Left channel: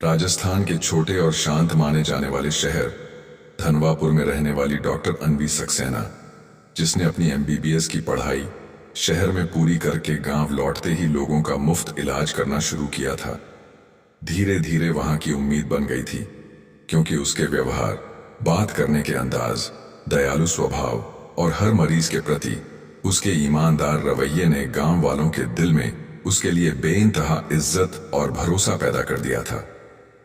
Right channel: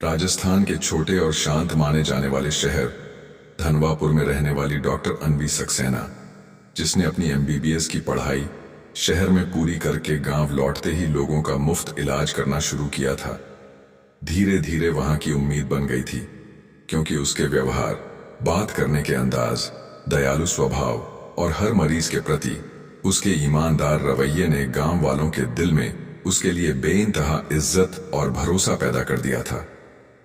राजस्थान के छोटे और शांत माने जाने वाले शहर धनवापुर में रहने वाली डॉक्टर अनवी सक्सेना, जिसने अपनी एमबीबीएस की पढ़ाई शहर में पूरी करके गांव लौटते ही लोगों का मुफ्त इलाज करना शुरू किया था, धीरे धीरे वहां की उम्मीद बन गई थी। क्योंकि उसके व्यवहार, बात करने के अंदाज, दयालु स्वभाव और हर मरीज के प्रति उसके ईमानदार रवैये ने गांव वालों के दिल में उसके लिए बेइंतहा इज्जत और भरोसा पैदा कर दिया था।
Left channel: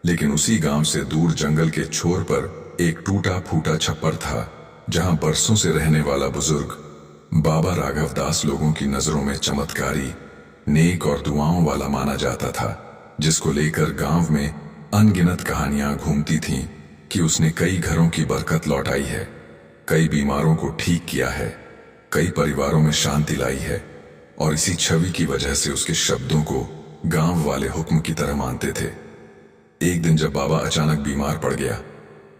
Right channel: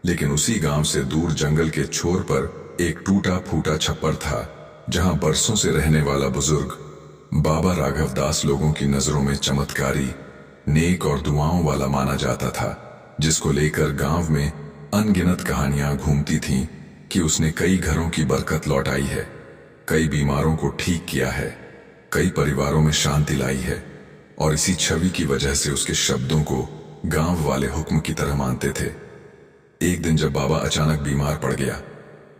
लेकिन उसी गांव से दूर जंगल के छोर पर एक टूटा फूटा छप्पर था, जहां बरसों से रहने वाला बुजुर्ग बाबा राघव दास लोगों की नजरों में चमत्कारी, नेक और दुआओं वाला माना जाता था, जिसको लेकर गांव में अनगिनत कहानियां घूमती थीं कि उसने कई घरों की बरकत लौटाई है, कई बीमारों को ठीक किया है, कई परिवारों में शांति लाई है। और इसी छवि की वजह से उसके शब्दों को गांव वाले हुक्म की तरह मानते थे। एक दिन जब बाबा अचानक बीमार पड़ गया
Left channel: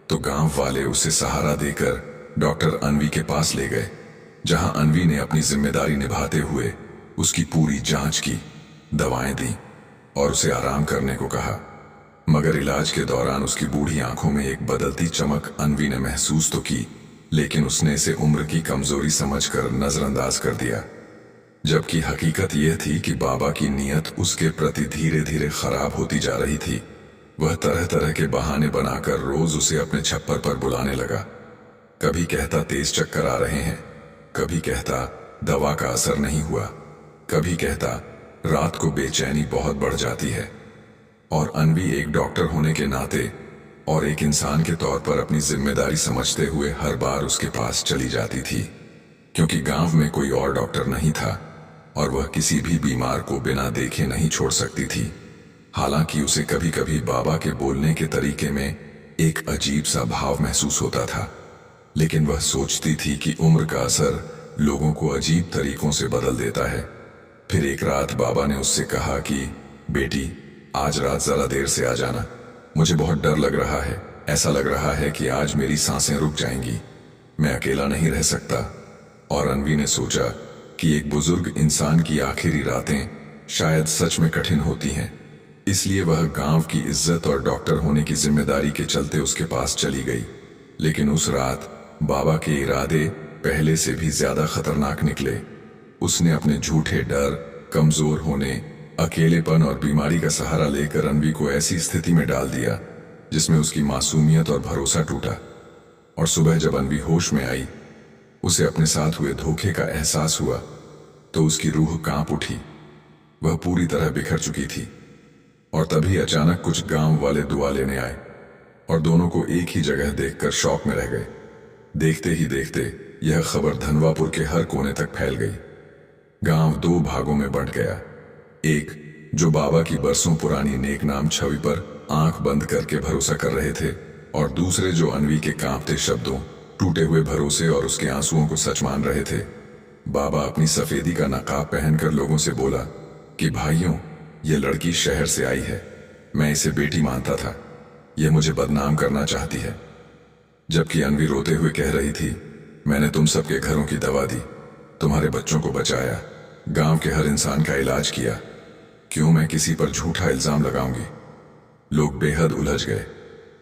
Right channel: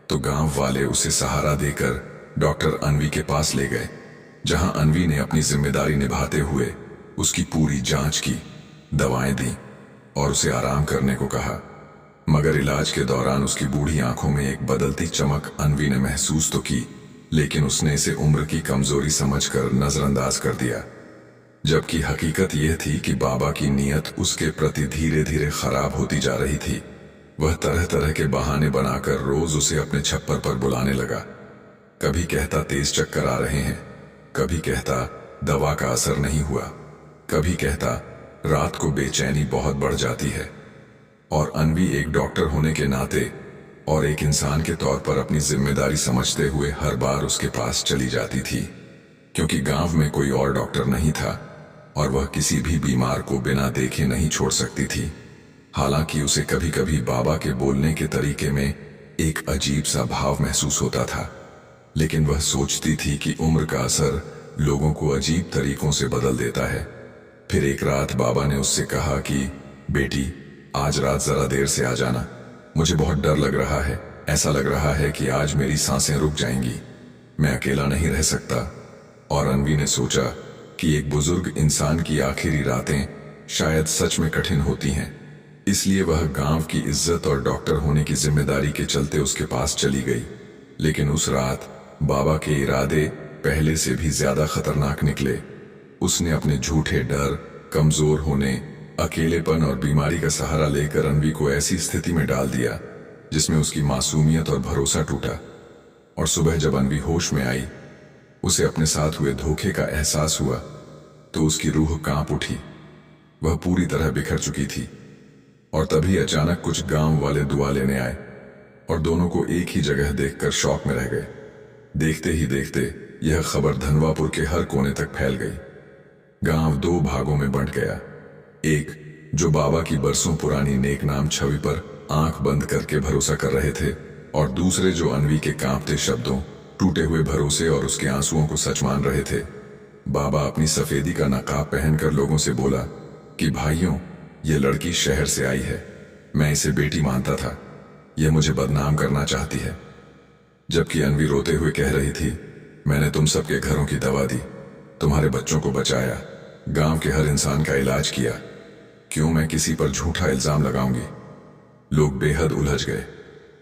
तो गांव वाले उसे सहारा देकर डॉक्टर अनवी के पास ले गए, जहां अनवी ने अपनी जिम्मेदारी निभाते हुए उसकी पूरी जांच की, दवाएं दी और उसे आराम करने को कहा। मगर इलाज के दौरान उसकी बूढ़ी आंखों में एक बदलती चमक अनवी ने महसूस तो की, लेकिन उसने इसे उम्र की कमजोरी समझकर नजरअंदाज कर दिया। जबकि हकीकत यह थी कि बाबा की नीयत उसके प्रति धीरे धीरे खराब होती जा रही थी। वह तरह तरह के बहाने बनाकर रोज उसे अपने छप्पर पर बुलाने लगा। कभी कहता तेज चक्कर आ रहे हैं, कभी कहता दवा का असर नहीं हुआ, कभी कहता रात को बेचैनी बहुत बढ़ जाती है। और अनवी एक डॉक्टर होने के नाते और एक इंसान के तौर पर अपनी जिम्मेदारी समझते हुए हर बार उसके पास चली जाती थी, क्योंकि गांव में कोई और डॉक्टर नहीं था और वह किसी भी बीमार को बिना देखे नहीं छोड़ सकती थी। हालांकि उसे कभी कभी बाबा के बोलने के तरीके में एक अजीब सा भाव महसूस होता था, लेकिन वह सोचती थी कि उम्र का असर लोगों को अजीब तरीकों से बदल देता है। फिर एक रात बाबा ने उससे कहा कि बेटी, आज रात जरा देर से आ जाना, मुझे बहुत डर लग रहा है। ऐसा लग रहा है कि आज मेरी सांसें रुक जाएंगी, मैं अकेला नहीं रह सकता। और अनवी ने सोचा कि एक बुजुर्ग इंसान की आखिरी रातें शायद सच में कठिन होती हैं, इसलिए वह गांव की इज्जत और डॉक्टर होने की जिम्मेदारी के चलते उसके पास चली गई। लेकिन उस रात बाबा के इरादे पहले से भी ज्यादा खतरनाक निकले। उसने अपने झूठे डर, कमजोर होने, अकेलेपन और बीमारी का सहारा लेकर अनवी को ऐसी स्थिति में डाल दिया जिसमें उसकी मासूमियत और भरोसा टूटा। और सुबह जब अनवी होश में आई, उसे अपने साथ हुए धोखे का एहसास हुआ तो उसकी रूह कांप उठी। वह पूरी तरह बिखर चुकी थी। और तभी अचानक कुछ गांव वाले दुआ लेने आए और दोनों को एक ही जगह देखकर शौक में रह गए। देखते ही देखते यह खबर धनवापुर के हर कोने तक फैल गई। गांव दो भागों में बंट गया। एक जो बाबा की बरसों पुरानी नेक नाम छवि पर आंख बंद करके भरोसा कर रहे थे, और दूसरे जो अनवी के कांपते शब्दों, टूटे हुए भरोसे और उसके आंसुओं को सच मान रहे थे। बाबा अपनी सफेदी का नकाब पहनकर लोगों से बोला कि भाइयों, यह लड़की शहर से आई है, मैं इसे बेटी मानता था, यह मुझे बदनाम करना चाहती है। जबकि अनवी रोते हुए कह रही थी, मैंने तुम सबके घरों की दवा दी, तुम्हारे बच्चों को बचाया, गांव के हर इंसान का इलाज किया, क्यों मैं किसी पर झूठा इल्जाम लगाऊंगी। लोग बेहद उलझ गए।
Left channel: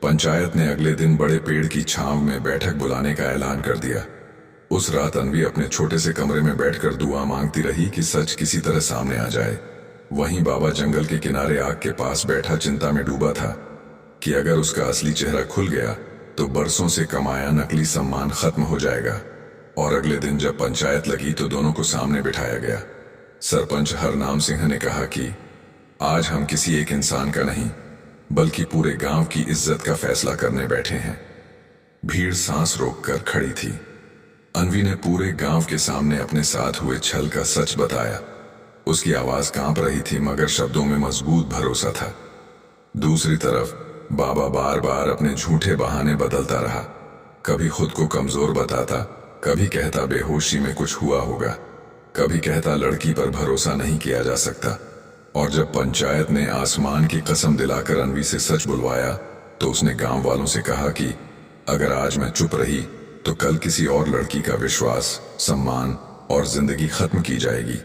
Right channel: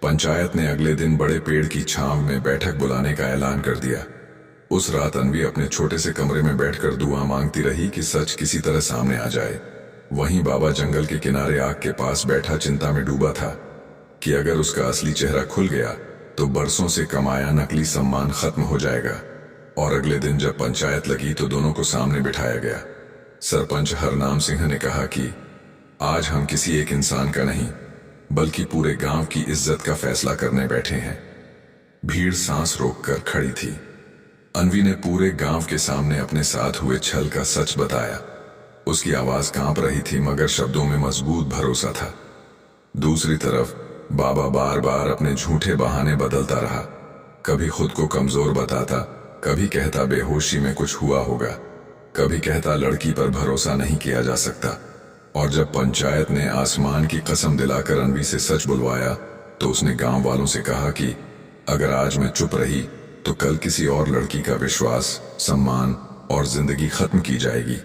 पंचायत ने अगले दिन बड़े पेड़ की छांव में बैठक बुलाने का ऐलान कर दिया। उस रात अनवी अपने छोटे से कमरे में बैठकर दुआ मांगती रही कि सच किसी तरह सामने आ जाए। वहीं बाबा जंगल के किनारे आग के पास बैठा चिंता में डूबा था कि अगर उसका असली चेहरा खुल गया तो बरसों से कमाया नकली सम्मान खत्म हो जाएगा। और अगले दिन जब पंचायत लगी तो दोनों को सामने बिठाया गया। सरपंच हरनाम सिंह ने कहा कि आज हम किसी एक इंसान का नहीं, बल्कि पूरे गांव की इज्जत का फैसला करने बैठे हैं। भीड़ सांस रोककर खड़ी थी। अनवी ने पूरे गांव के सामने अपने साथ हुए छल का सच बताया। उसकी आवाज कांप रही थी, मगर शब्दों में मजबूत भरोसा था। दूसरी तरफ बाबा बार बार अपने झूठे बहाने बदलता रहा। कभी खुद को कमजोर बताता, कभी कहता बेहोशी में कुछ हुआ होगा, कभी कहता लड़की पर भरोसा नहीं किया जा सकता। और जब पंचायत ने आसमान की कसम दिलाकर अनवी से सच बुलवाया तो उसने गांव वालों से कहा कि अगर आज मैं चुप रही तो कल किसी और लड़की का विश्वास, सम्मान और जिंदगी खत्म की जाएगी।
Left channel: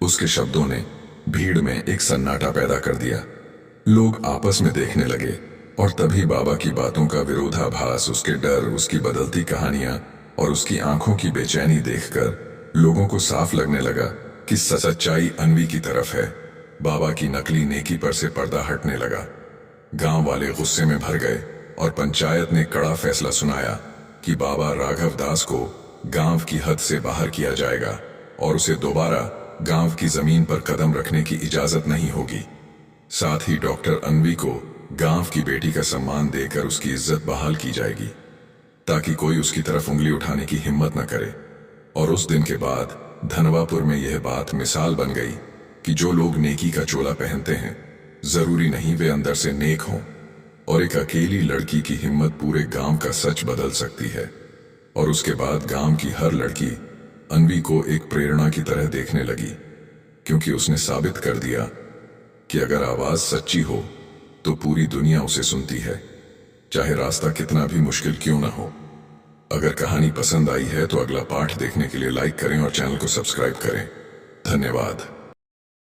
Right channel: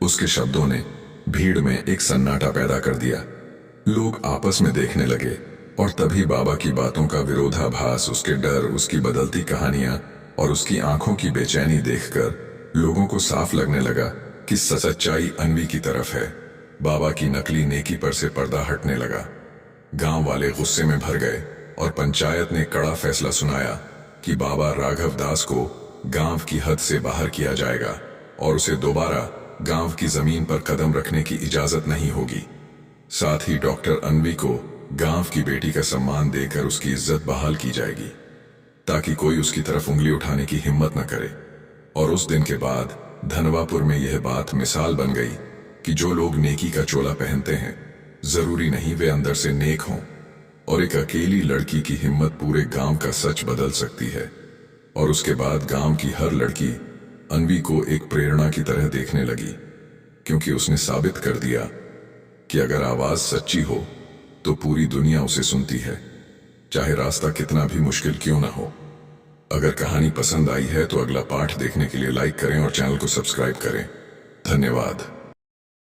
उसके शब्दों ने भीड़ में एक सन्नाटा पैदा कर दिया। लोग आपस में देखने लगे और तभी बाबा की बातों का विरोधाभास, उसके डर, उसकी बदलती कहानियां और उसकी आंखों की बेचैनी देखकर लोगों को साफ लगने लगा कि सच्चाई अन्वी की तरफ है। बाबा की नकली नेकी पर से पर्दा हटने लगा। गांव वाले गुस्से में भर गए और पंचायत ने कड़ा फैसला सुनाया कि बाबा राघव दास को गांव की हद से बाहर किया जाएगा और उसे दोबारा गांव की जमीन पर कदम रखने की इजाजत नहीं होगी। साथ ही डॉक्टर अन्वी को गांव की बेटी का सम्मान देकर उसकी इज्जत बहाल की जाएगी ताकि कोई उसकी तरफ उंगली उठाने की हिम्मत न करे। और उस दिन के बाद धनवापुर में यह बात मिसाल बन गई कि जो लोग नेकी का चोला पहनते हैं जरूरी नहीं वे अंदर से नेक हों, और एक अकेली लड़की की हिम्मत पूरे गांव का सच बदल सकती है। और उसके बाद गांव की हर लड़की अन्वी को एक प्रेरणा की तरह देखने लगी, क्योंकि उसने साबित कर दिया कि अगर आवाज सच्ची हो तो पूरी दुनिया उसे सुनती है, चाहे रास्ता कितना भी मुश्किल क्यों ना हो। अगर कहानी पसंद आई है तो अगला पाठ देखने के लिए लाइक करें और चैनल को सब्सक्राइब करें। धन्यवाद।